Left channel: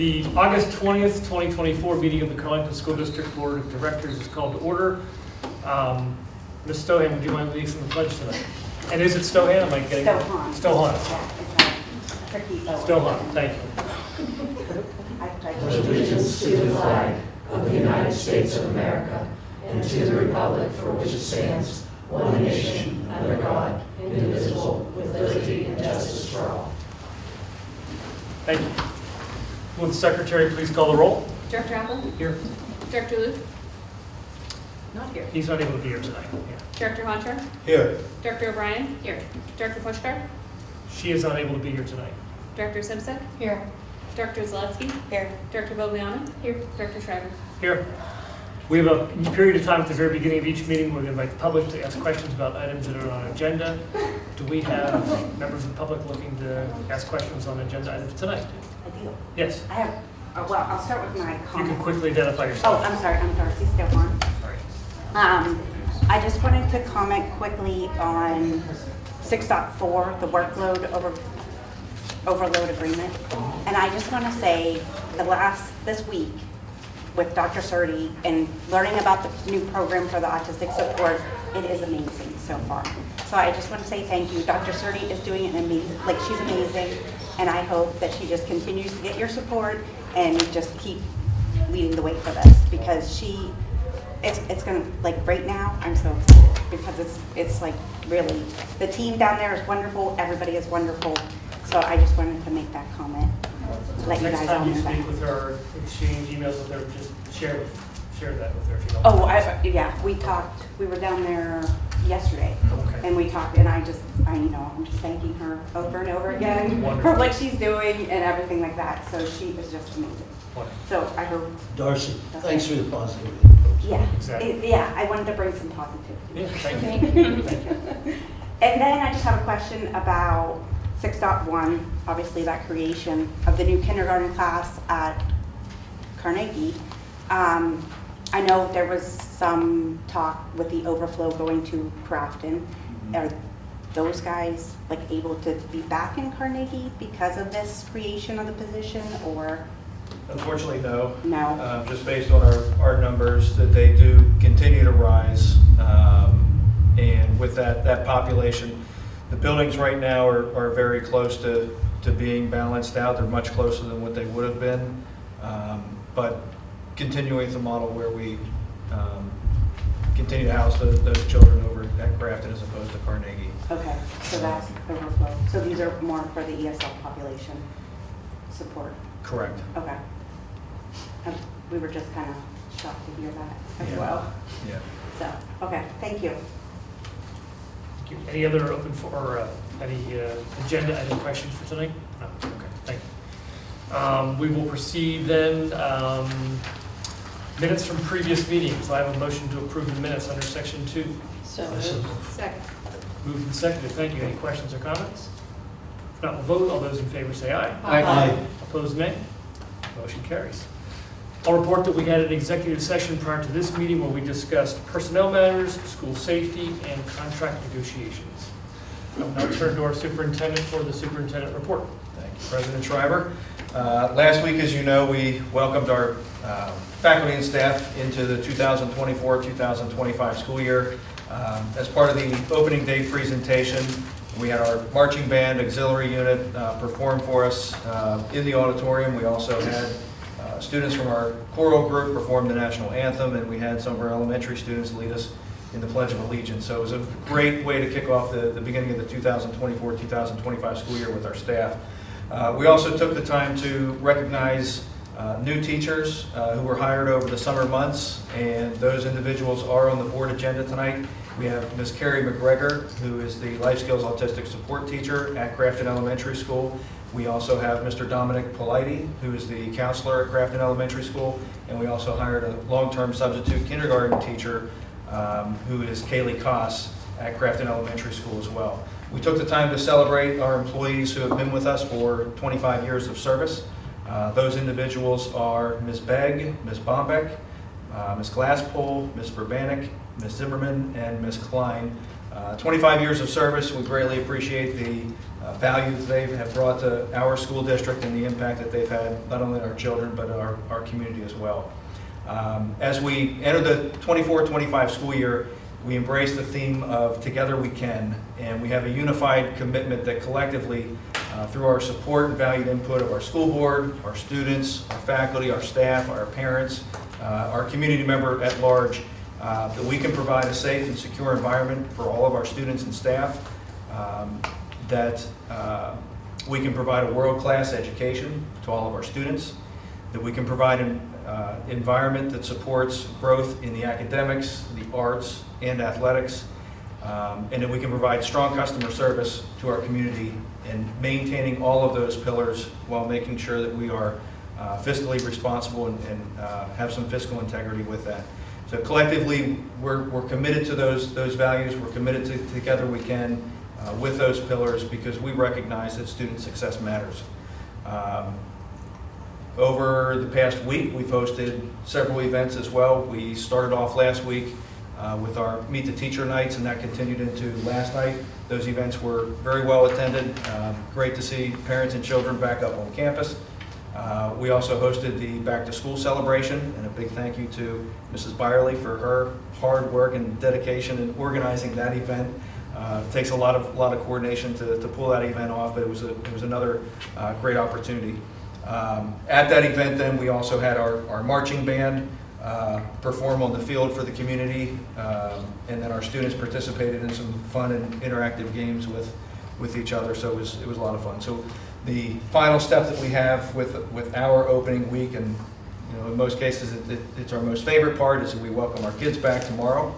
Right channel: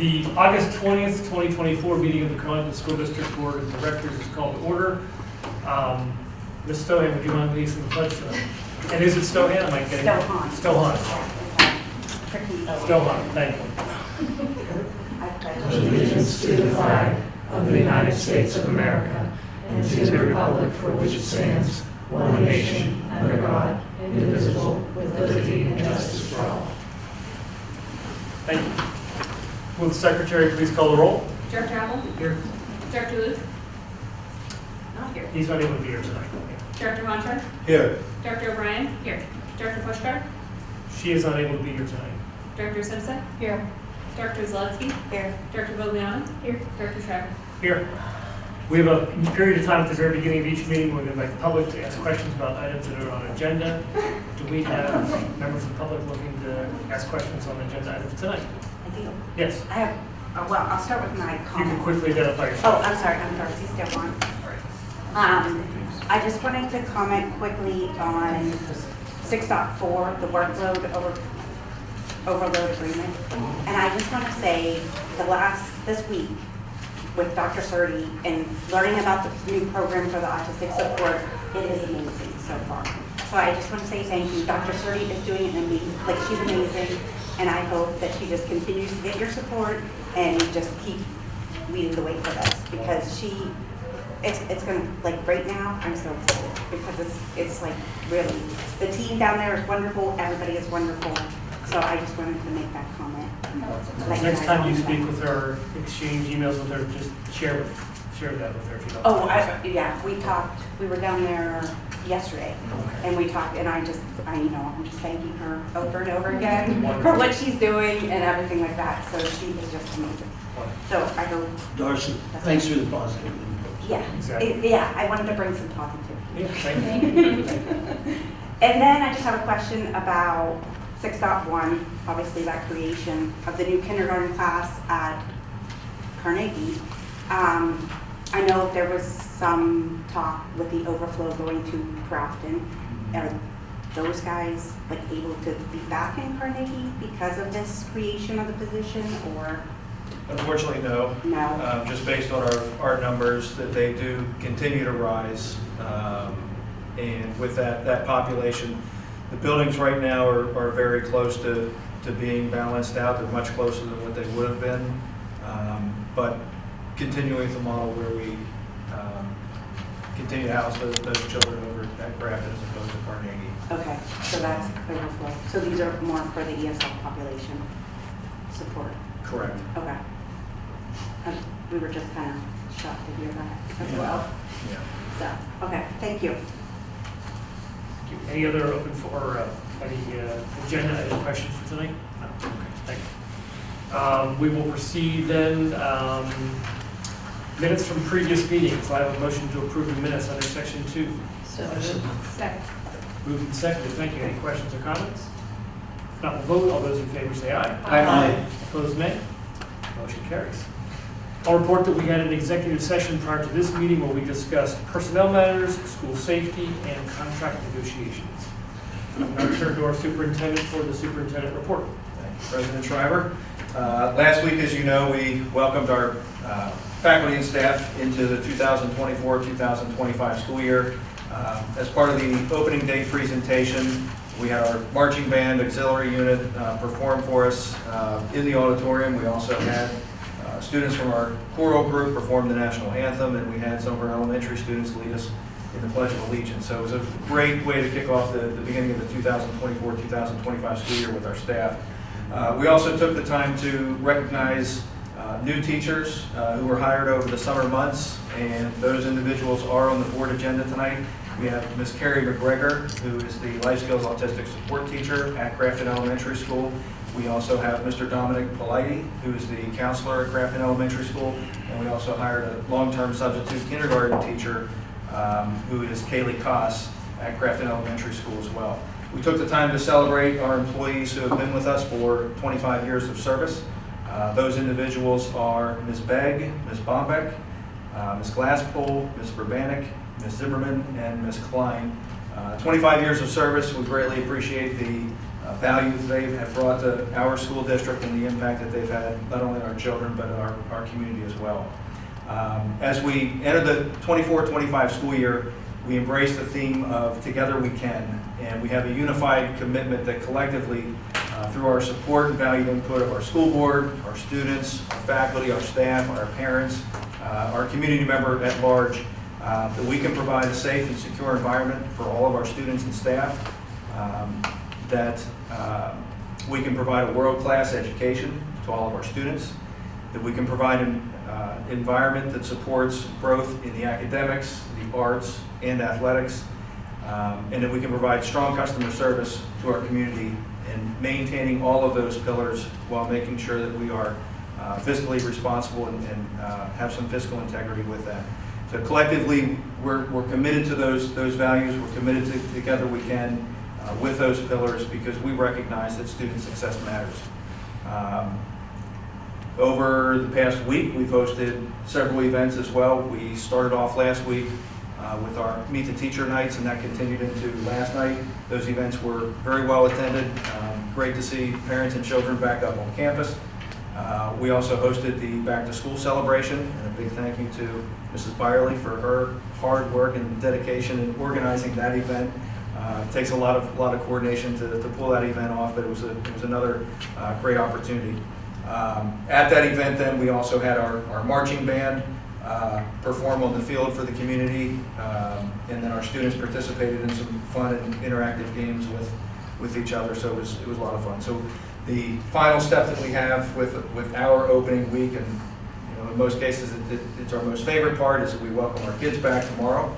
The August 20th, 2024 meeting of the Carlinton School District Board of Directors is called to order. Ms. Stohan, would you mind leading the pledge tonight? And is it Stohan? Am I getting Stohan. Stohan. Stohan, thank you. I pledge Allegiance to the flag of the United States of America and to the republic for which it stands, one nation, under God, indivisible, with liberty and justice for all. Thank you. Will the secretary please call the roll? Director Apple? Here. Director Luke? Not here. He's not able to be here tonight. Director Montreux? Here. Director O'Brien? Here. Director Pushkar? She is unable to be here tonight. Director Simpson? Here. Director Zalewski? Here. Director Vogliano? Here. Director Schreiber? Here. We have a period of time at the very beginning of each meeting where we invite the public to ask questions about items that are on agenda. Do we have members of the public looking to ask questions on agenda items tonight? I do. Yes. I have, well, I'll start with my You can comment. quickly identify Oh, yourself. I'm sorry, I'm Darcy Stillborn. I just wanted to comment quickly on 6.4, the workload overload agreement. And I just want to say this week with Dr. Surdy and learning about the new program for the autistic support, it is amazing so far. So I just want to say thank you. Dr. Surdy is doing an amazing, she's amazing. And I hope that she just continues to get your support and just keep leading the way for this because it's gonna, right now, I'm so excited because it's really, the team down there is wonderful, everybody is wonderful. So I just wanted to make that comment. Let you Next guys time all you know that. speak with her, exchange emails with her, just share that with her if you don't. Oh, yeah, we talked, we were down there yesterday, Okay. and we talked, and I'm just thanking her over and over again Wonderful. for what she's doing and everything like that, so she is just amazing. Wonderful. So I hope, Darcy, thanks for the positivity. yeah, Exactly. yeah, I wanted to bring some positivity. Yeah, thank you. And then I just have a question about 6.1, obviously that creation of the new kindergarten class at Carnegie. I know there was some talk with the overflow going to Crafton. Are those guys able to be back in Carnegie because of this creation of the position or Unfortunately, no. no? Just based on our numbers, that they do continue to rise. And with that population, the buildings right now are very close to being balanced out. They're much closer than what they would have been. But continuing the model where we continue to house those children over at Grafton as opposed to Carnegie. Okay, so that's overflow. So these are more for the ESL population support. Correct. Okay. We were just kind of shocked to hear that as Yeah. well. Yeah. So, okay, thank you. Thank you. Any other open for any agenda item questions for tonight? No. Okay. Thank you. We will proceed then. Minutes from previous meetings. I have a motion to approve the minutes under section 2. So Second. Moved and seconded. Thank you. Any questions or comments? If not, we'll vote. All those in favor say aye. Aye. Opposed, nay. Motion carries. I'll report that we had an executive session prior to this meeting where we discussed personnel matters, school safety, and contract negotiations. I'll now turn to our superintendent for the superintendent report. Thank you, President Schreiber. Last week, as you know, we welcomed our faculty and staff into the 2024-2025 school year. As part of the opening day presentation, we had our marching band auxiliary unit perform for us in the auditorium. We also had students from our choral group perform the national anthem, and we had some of our elementary students lead us in the Pledge of Allegiance. So it was a great way to kick off the beginning of the 2024-2025 school year with our staff. We also took the time to recognize new teachers who were hired over the summer months, and those individuals are on the board agenda tonight. We have Ms. Carrie McGregor, who is the Life Skills Autistic Support Teacher at Crafton Elementary School. We also have Mr. Dominic Politi, who is the counselor at Crafton Elementary School, and we also hired a long-term substitute kindergarten teacher, who is Kaylee Koss at Crafton Elementary School as well. We took the time to celebrate our employees who have been with us for 25 years of service. Those individuals are Ms. Begg, Ms. Bombeck, Ms. Glasspool, Ms. Verbanek, Ms. Zimmerman, and Ms. Klein. 25 years of service. We greatly appreciate the value that they have brought to our school district and the impact that they've had not only on our children but our community as well. As we enter the 24-25 school year, we embrace the theme of Together We Can, and we have a unified commitment that collectively, through our support and valued input of our school board, our students, our faculty, our staff, our parents, our community member at large, that we can provide a safe and secure environment for all of our students and staff, that we can provide a world-class education to all of our students, that we can provide an environment that supports growth in the academics, the arts, and athletics, and that we can provide strong customer service to our community and maintaining all of those pillars while making sure that we are fiscally responsible and have some fiscal integrity with that. So collectively, we're committed to those values. We're committed to Together We Can with those pillars because we recognize that student success matters. Over the past week, we've hosted several events as well. We started off last week with our Meet the Teacher nights, and that continued into last night. Those events were very well attended. Great to see parents and children back up on campus. We also hosted the Back to School celebration, and a big thank you to Mrs. Byerly for her hard work and dedication in organizing that event. It takes a lot of coordination to pull that event off, but it was another great opportunity. At that event, then, we also had our marching band perform on the field for the community, and then our students participated in some fun and interactive games with each other, so it was a lot of fun. So the final step that we have with our opening week, and in most cases it's our most favorite part, is that we welcome our kids back tomorrow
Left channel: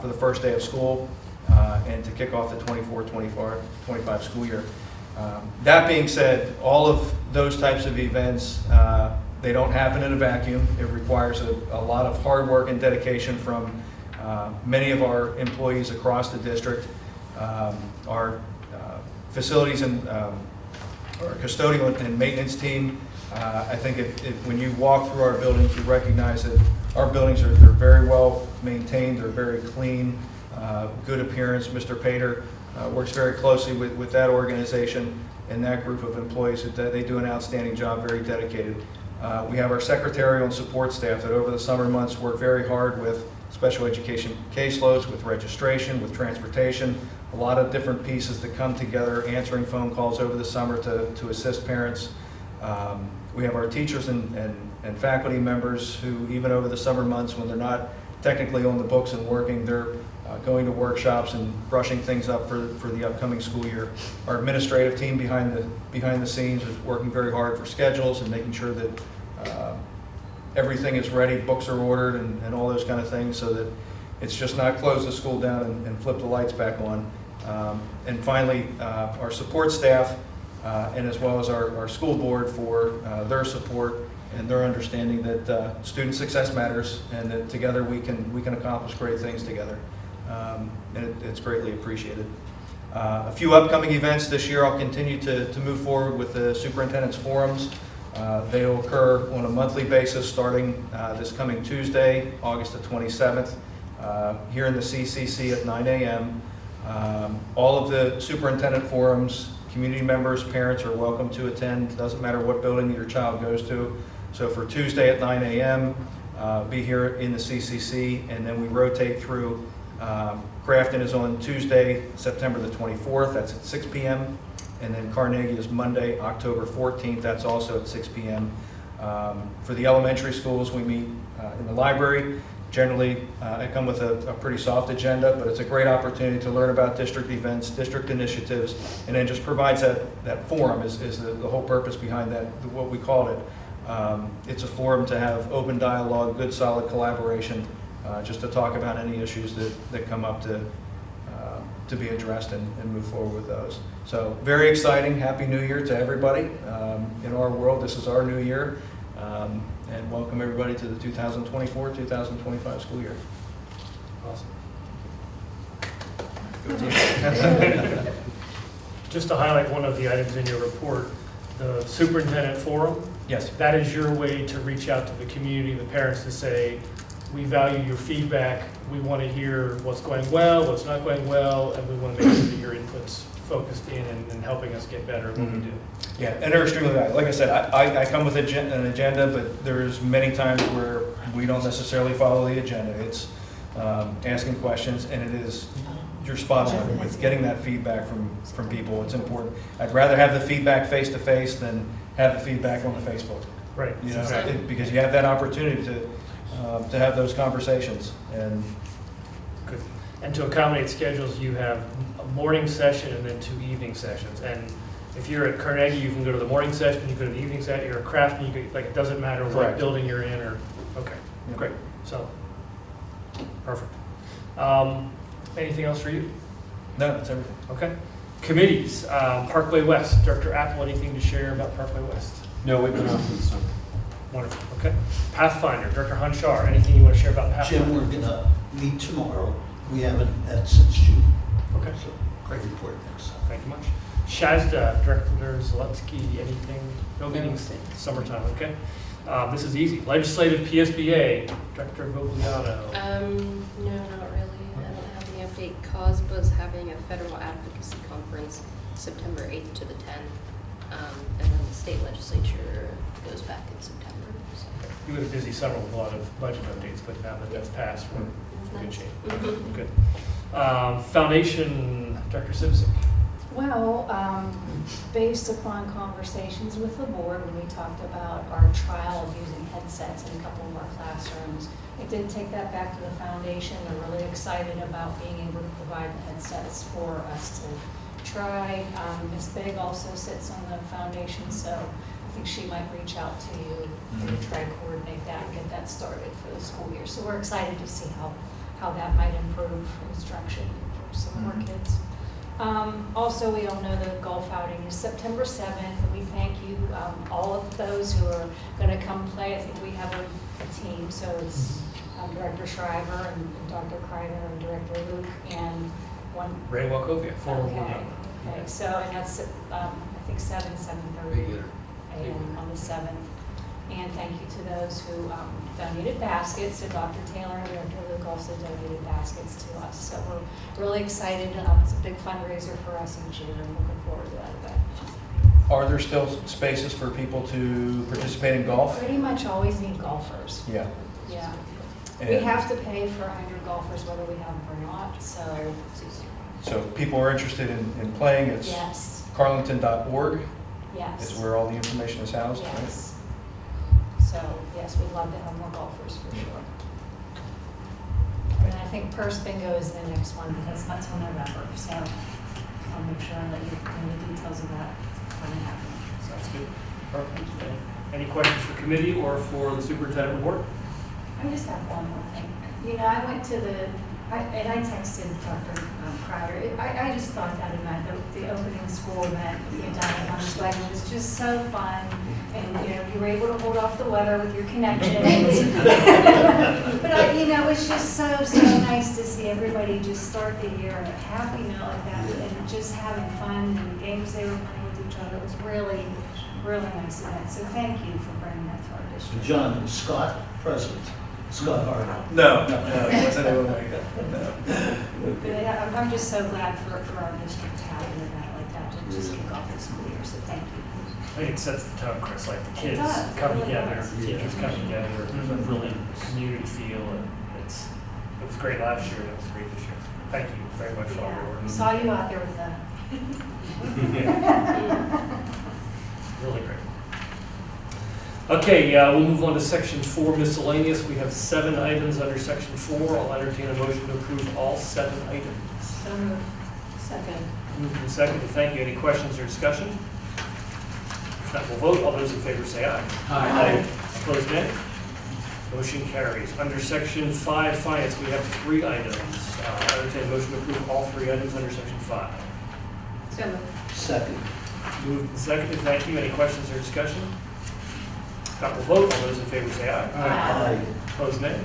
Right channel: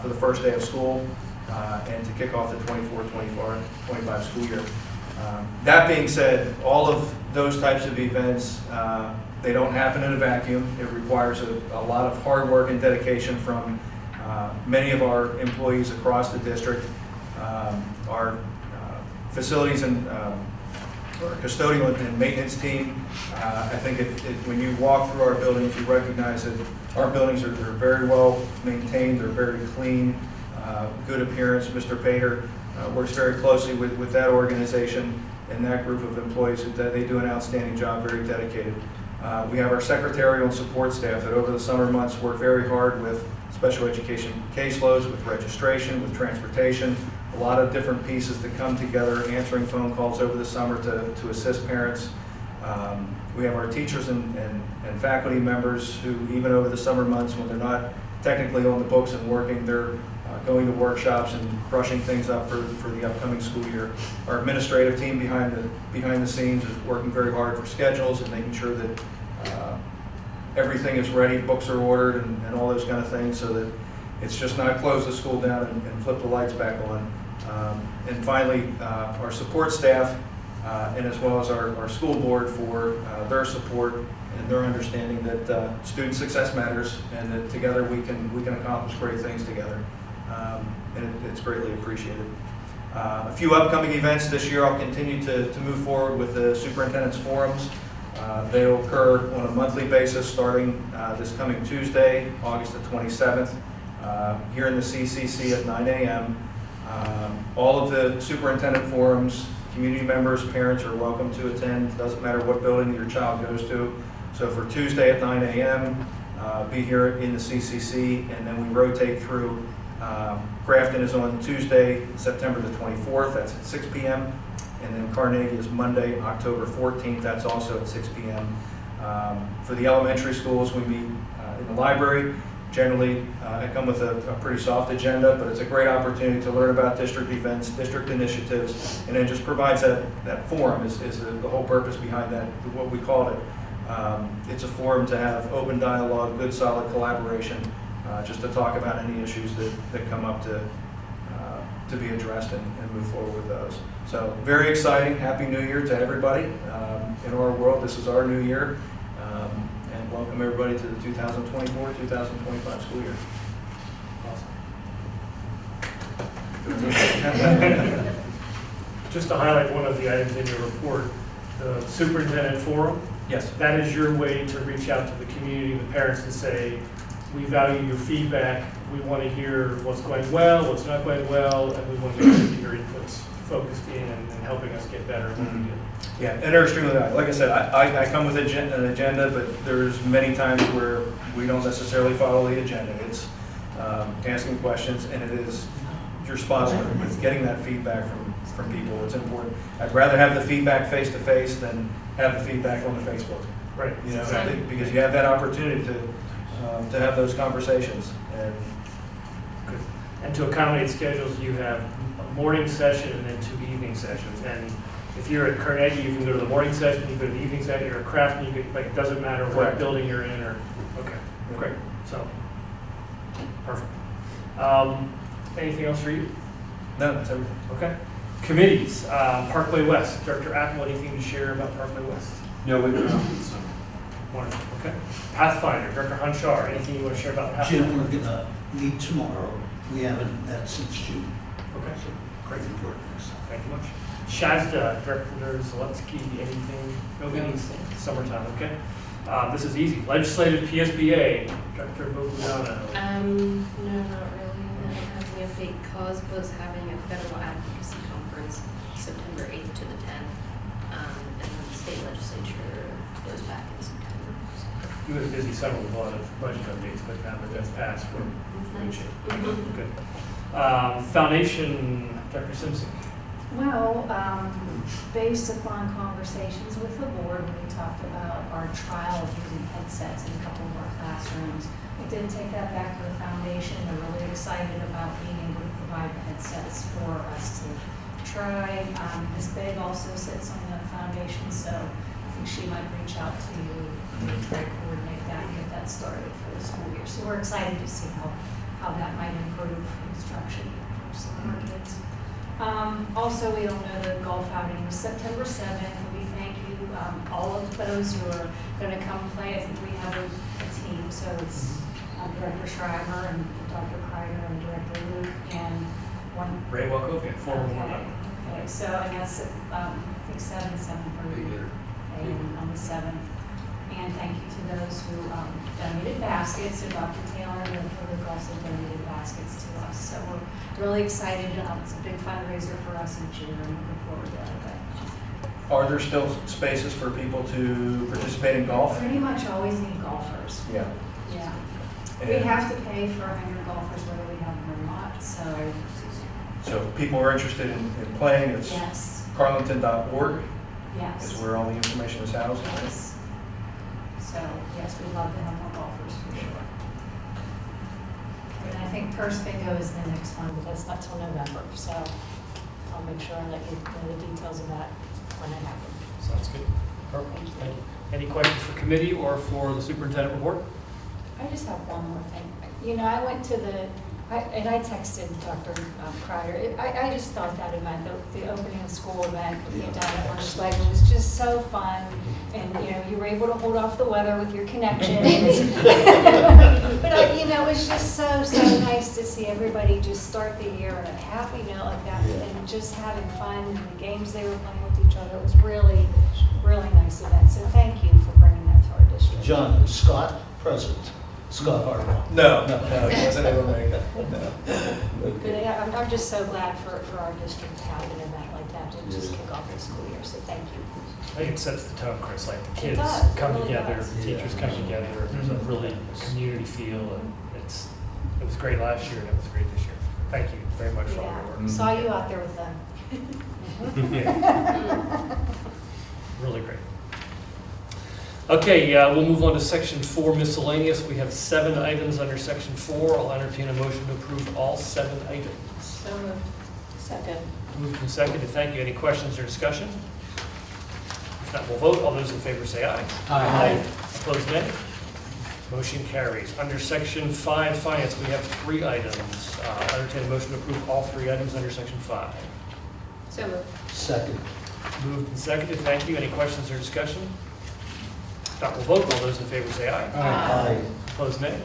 for the first day of school and to kick off the 24-25 school year. That being said, all of those types of events, they don't happen in a vacuum. It requires a lot of hard work and dedication from many of our employees across the district. Our facilities and our custodial and maintenance team. I think when you walk through our buildings, you recognize that our buildings are very well maintained. They're very clean, good appearance. Mr. Pater works very closely with that organization and that group of employees. They do an outstanding job, very dedicated. We have our secretarial and support staff that over the summer months work very hard with special education caseloads, with registration, with transportation, a lot of different pieces that come together, answering phone calls over the summer to assist parents. We have our teachers and faculty members who, even over the summer months when they're not technically on the books and working, they're going to workshops and brushing things up for the upcoming school year. Our administrative team behind the scenes is working very hard for schedules and making sure that everything is ready, books are ordered, and all those kind of things, so that it's just not close the school down and flip the lights back on. And finally, our support staff, and as well as our school board for their support and their understanding that student success matters and that together we can accomplish great things together. And it's greatly appreciated. A few upcoming events this year. I'll continue to move forward with the Superintendent's Forums. They'll occur on a monthly basis starting this coming Tuesday, August the 27th, here in the CCC at 9 a.m. All of the superintendent forums, community members, parents are welcome to attend. Doesn't matter what building your child goes to. So for Tuesday at 9 a.m., be here in the CCC, and then we rotate through. Grafton is on Tuesday, September the 24th, that's at 6 p.m. And then Carnegie is Monday, October 14th, that's also at 6 p.m. For the elementary schools, we meet in the library. Generally, I come with a pretty soft agenda, but it's a great opportunity to learn about district events, district initiatives, and then just provides that forum is the whole purpose behind that, what we called it. It's a forum to have open dialogue, good solid collaboration, just to talk about any issues that come up to be addressed and move forward with those. So very exciting. Happy New Year to everybody. In our world, this is our new year. And welcome everybody to the 2024-2025 school year. Awesome. Just to highlight one of the items in your report, the Superintendent Forum. Yes. That is your way to reach out to the community, the parents, to say, we value your feedback. We want to hear what's going well, what's not going well, and we want to make sure that your input's focused in and helping us get better at what we do. Yeah, and they're extremely valuable. Like I said, I come with an agenda, but there's many times where we don't necessarily follow the agenda. It's asking questions, and it is, you're spot on with getting that feedback from people. It's important. I'd rather have the feedback face to face than have the feedback on the Facebook. Right. You know, I Exactly. think because you have that opportunity to have those conversations. And Good. And to accommodate schedules, you have a morning session and then 2 evening sessions. And if you're at Carnegie, you can go to the morning session, you go to the evening session. You're at Crafton, you could, like, it doesn't matter what Correct. building you're in or, okay, Yeah. great. So, perfect. Anything else for you? no, that's everything. Okay. Committees, Parkway West. Director Apple, anything to share about Parkway West? No, we've been out for the summer. Wonderful, okay. Pathfinder, Director Hanchar, anything you want to share about Jim, Pathfinder? we're gonna meet tomorrow. We haven't met since June. Okay, So, great. report next time. Thank you much. Shazda, Director Zalewski, anything? No meetings, summertime, okay. This is easy. Legislative PSBA, Director Vogliano. No, not really. I don't have any update. COSBA's having a federal advocacy conference September 8th to the 10th. And then the state legislature goes back in September. So. He was busy summer with a lot of budget updates, but now that that's passed, we're in good shape. Good. Foundation, Dr. Simpson. Well, based upon conversations with the board, we talked about our trial of using headsets in a couple of our classrooms. We did take that back to the foundation. They're really excited about being able to provide the headsets for us to try. Ms. Big also sits on the foundation, so I think she might reach out to you and try to coordinate that and get that started for the school year. So we're excited to see how that might improve instruction for some of our kids. Also, we all know the golf outing is September 7th. We thank you, all of those who are going to come play. I think we have a team, so it's Director Schreiber and Dr. Kreider and Director Luke and one. Ray Wachovia, former board Okay, member. okay, so, and that's, I think 7:30 a.m. on the 7th. And thank you to those who donated baskets. So Dr. Taylor and Dr. Luke also donated baskets to us. So we're really excited. It's a big fundraiser for us each year. I'm looking forward to that event. Are there still spaces for people to participate in golf? Pretty much always need golfers. Yeah. Yeah. We And have to pay for 100 golfers whether we have them or not. So so if people are interested in playing, it's yes, carlington.org is yes, where all the information is housed, right? yes. So yes, we'd love to have more golfers for sure. And then I think purse bingo is the next one, but that's not till November. So I'll make sure I let you know the details of that when it happens. Sounds good. Perfect. Any questions for committee or for the superintendent report? I just have one more thing. You know, I went to and I texted Dr. Kreider. I just thought that event, the opening school event being done at Lunch Leg was just so fun. And, you know, you were able to hold off the weather with your connections. But, you know, it was just so nice to see everybody just start the year on a happy note like that and just having fun and the games they were playing with each other. It was really nice event. So thank you for bringing that to our district. John, is Scott present? Scott Harlow. No, it wasn't able to make it. No. But I'm just so glad for our district to have an event like that to just kick off the school year, so thank you. I think it sets the tone, Chris, like the It kids does, it come really together, does. teachers come together, there's a really community feel, and it was great last year, and it was great this year. Thank you very much for all your Yeah, work. saw you out there with them. Really great. Okay, we'll move on to section 4 miscellaneous. We have 7 items under section 4. I'll entertain a motion to approve all 7 items. So moved. Second. Moved and seconded. Thank you. Any questions or discussion? If not, we'll vote. All those in favor say aye. Aye. Opposed, nay. Motion carries. Under section 5 finance, we have 3 items. I'll entertain a motion to approve all 3 items under section 5. So moved. Second. Moved and seconded. Thank you. Any questions or discussion? If not, we'll vote. All those in favor say aye. Aye. Opposed, nay.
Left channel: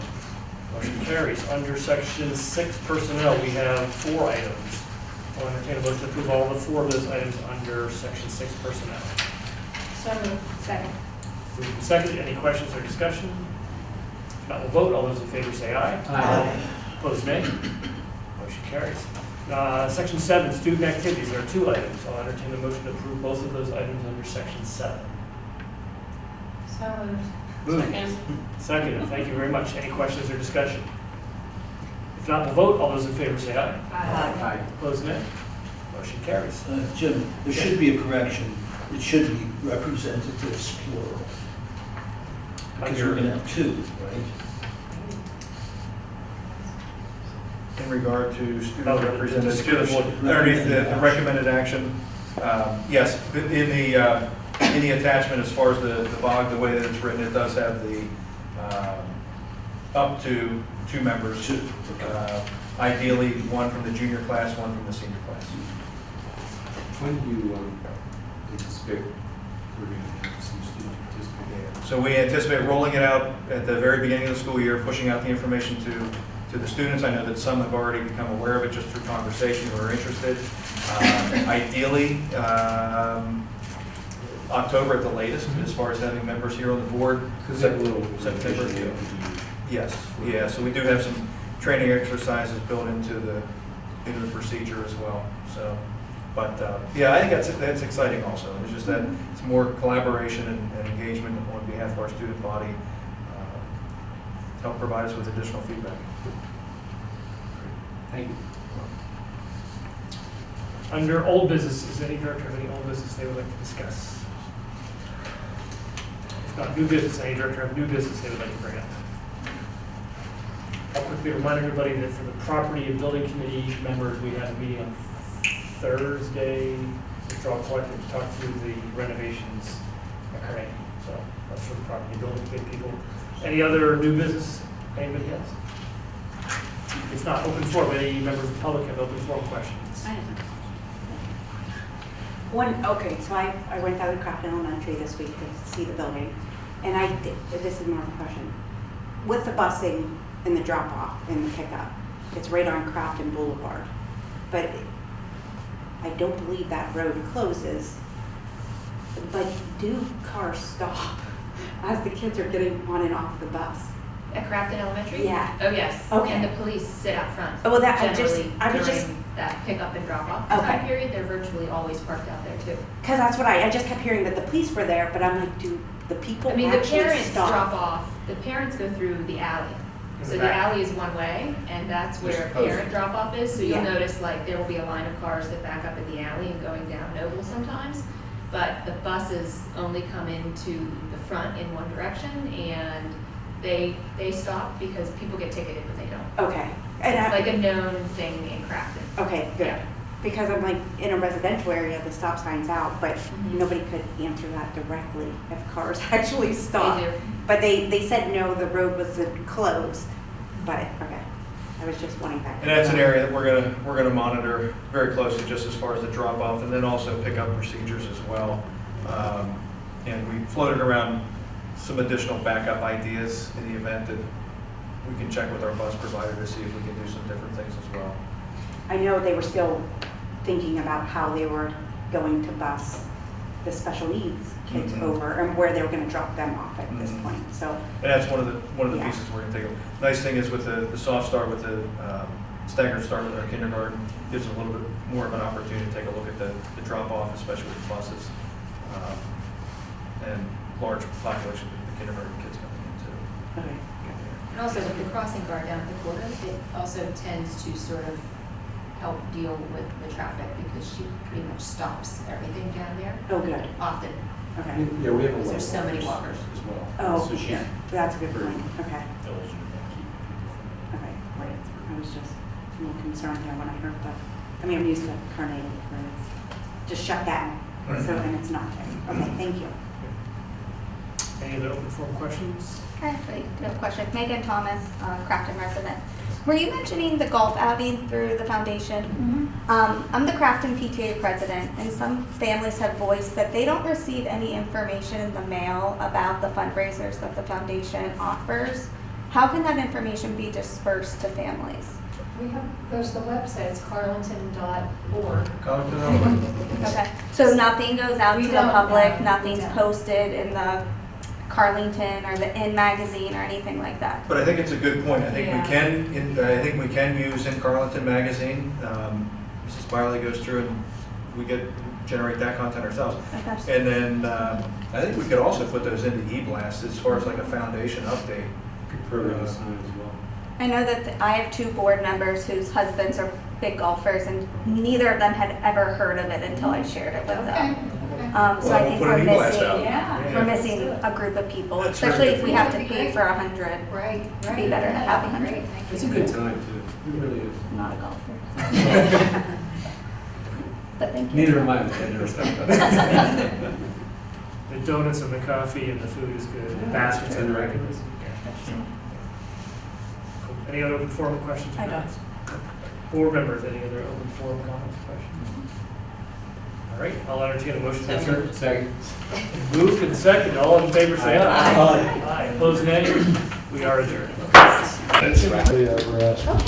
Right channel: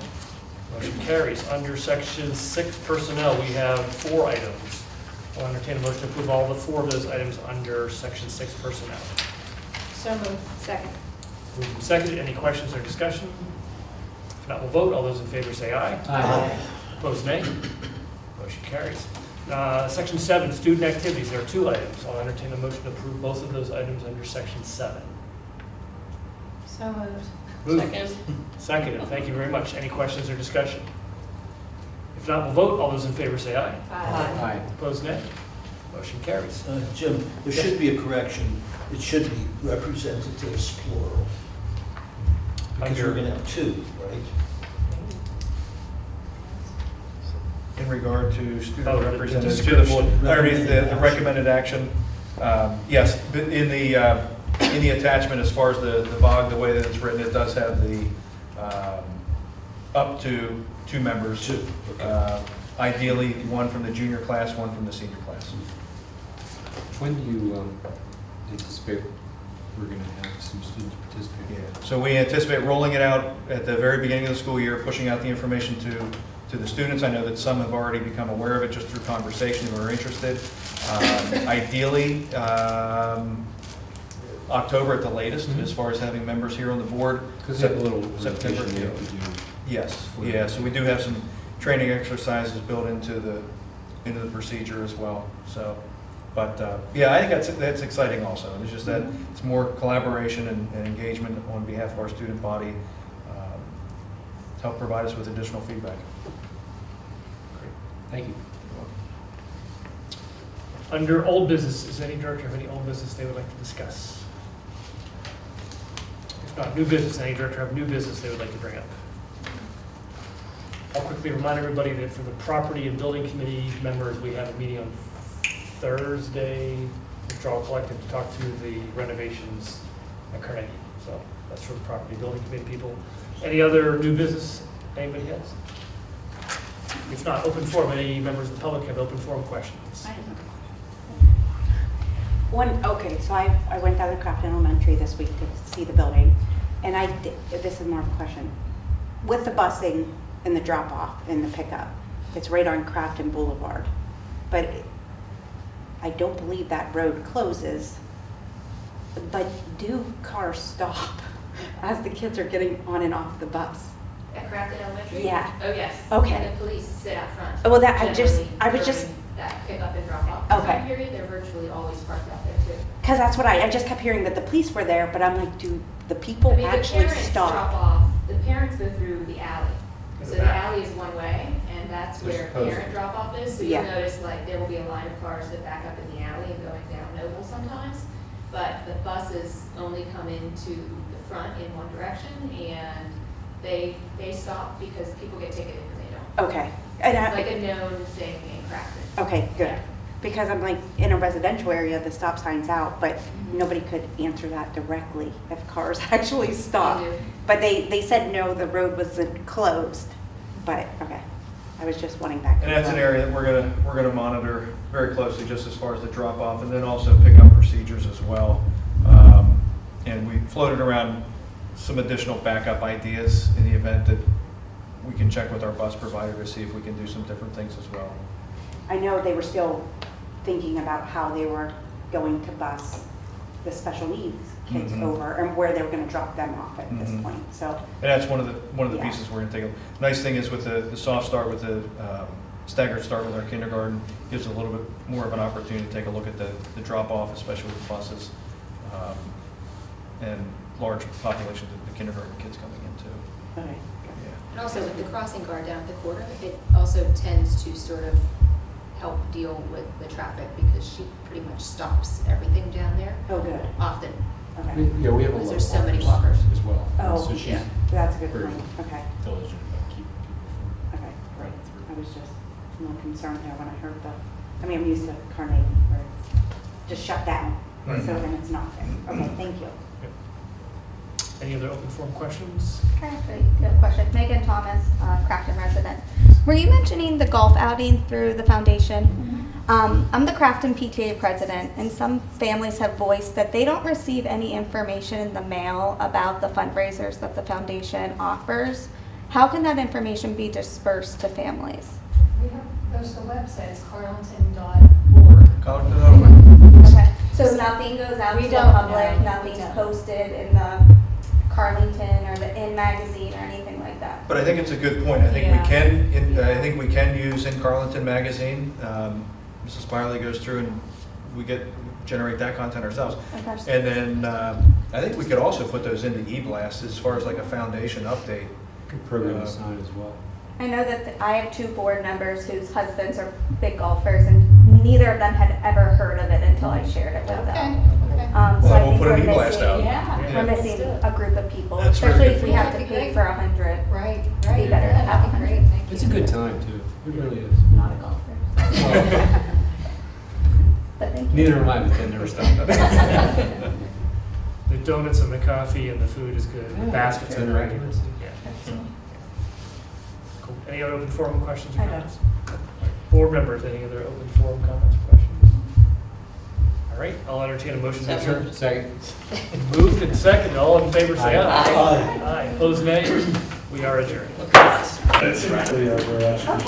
Motion carries. Under section 6 personnel, we have 4 items. I'll entertain a motion to approve all the 4 of those items under section 6 personnel. So moved. Second. Moved and seconded. Any questions or discussion? If not, we'll vote. All those in favor say aye. Aye. Opposed, nay. Motion carries. Section 7, student activities. There are 2 items. I'll entertain a motion to approve both of those items under Section 7. So moved. Moved. Second. Seconded. Thank you very much. Any questions or discussion? If not, we'll vote. All those in favor say aye. Aye. Opposed, nay. Motion carries. Jim, there should be a correction. It should be representatives plural. Because we're going to have 2, right? In regard to Oh, student the representatives, description. underneath the recommended action, yes, in the attachment, as far as the BOG, the way that it's written, it does have the up to 2 members. 2, okay. Ideally, 1 from the junior class, 1 from the senior class. When do you anticipate we're going to have some students participate? So we anticipate rolling it out at the very beginning of the school year, pushing out the information to the students. I know that some have already become aware of it just through conversation who are interested. Ideally, October at the latest, as far as having members here on the board. Because they have a little September. rotation they have to do. Yes, yeah, so we do have some training exercises built into the procedure as well, so. But, yeah, I think that's exciting also. It's just that it's more collaboration and engagement on behalf of our student body, help provide us with additional feedback. Thank you. Under old business, does any director have any old business they would like to discuss? If not new business, any director have new business they would like to bring up? I'll quickly remind everybody that for the property and building committee members, we have a meeting on Thursday, which are all collective to talk through the renovations at Carnegie. So that's for the property and building committee people. Any other new business anybody has? If not, open forum. Any members of the public have open forum questions? Okay, so I went down to Crafton Elementary this week to see the building, and this is more of a question. With the busing and the drop-off and the pickup, it's right on Crafton Boulevard, but I don't believe that road closes. But do cars stop as the kids are getting on and off the bus? At Crafton Elementary? Yeah. Oh, yes. Okay. And the police sit out front. Oh, well, Generally, I was just, during that pickup and drop off Okay. time period, they're virtually always parked out there too. because that's what I just kept hearing that the police were there, but I'm like, do the people I mean, the actually parents stop? drop off, the parents go through the alley. In So the the back. alley is one way, and that's They're where supposed parent to. drop off is. So Yeah. you'll notice like there will be a line of cars that back up in the alley and going down Noble sometimes. But the buses only come into the front in one direction, and they stop because people get ticketed when they don't. Okay. And It's like a known thing in Crafton. okay, good. Yeah. Because I'm like, in a residential area, the stop sign's out, but Mhm. nobody could answer that directly if cars actually stop. They do. But they said no, the road wasn't closed, but, okay. I was just wanting that. And that's an area that we're gonna monitor very closely, just as far as the drop off, and then also pickup procedures as well. And we floated around some additional backup ideas in the event that we can check with our bus provider to see if we can do some different things as well. I know they were still thinking about how they were going to bus the special needs kids Mhm. over and where they were gonna drop them off at this Mhm. point, so. And that's one of the Yeah. pieces we're gonna take. Nice thing is with the soft start, with the staggered start with our kindergarten, gives a little bit more of an opportunity to take a look at the drop off, especially with buses, and large populations of the kindergarten kids coming in too. Okay. Yeah. And also with the crossing guard down at the corner, it also tends to sort of help deal with the traffic because she pretty much stops everything down there Oh, good, often. okay. Yeah, we have a Because lot there's of so many walkers. as well. Oh, So she's yeah. That's a good very point, okay, diligent about keeping people okay, great. I was just a little concerned there when I heard that. I mean, I'm used to Carnegie, where it's just shut down, so, Right. and it's not there. Okay, thank you. Any other open forum questions? I actually do have a question. Megan Thomas, Crafton resident. Were you mentioning the golf outing through the foundation? I'm the Crafton PTA president, and some families have voiced that they don't receive any information in the mail about the fundraisers that the foundation offers. How can that information be dispersed to families? There's the website, it's carleton.org. College Okay. So nothing goes out We to the don't, public, no, we nothing's don't. posted in the Carlington or the In magazine or anything like that. But I think it's a good point. I think Yeah. I think we can use In Carlinton Magazine. Mrs. Byerly goes through and we generate that content ourselves. Okay. And then I think we could also put those into eBlast as far as like a foundation update. Good program to sign as well. I know that I have 2 board members whose husbands are big golfers, and neither of them had ever heard of it until I shared it with Okay, them. okay. So Well, I we'll think put we're an e-blast missing, out. Yeah. Yeah. we're missing a group of people, That's very especially good. if we Yeah, have to that'd be pay great. for 100. Right, Be right. better to have That'd be 100. great, thank It's a you. good time too. It really is. I'm not a golfer. But thank you. Neither am I, but I never stopped. The donuts and the coffee and the food is good. The Yeah. baskets are And the right. regulars. Yeah. Cool. Any other open forum questions or I don't. comments? Board members, any other open forum comments or questions? All right, I'll entertain a motion to adjourn. Second. Moved and seconded, all in favor say aye. Aye. Aye, opposed nay. We are adjourned. That's right.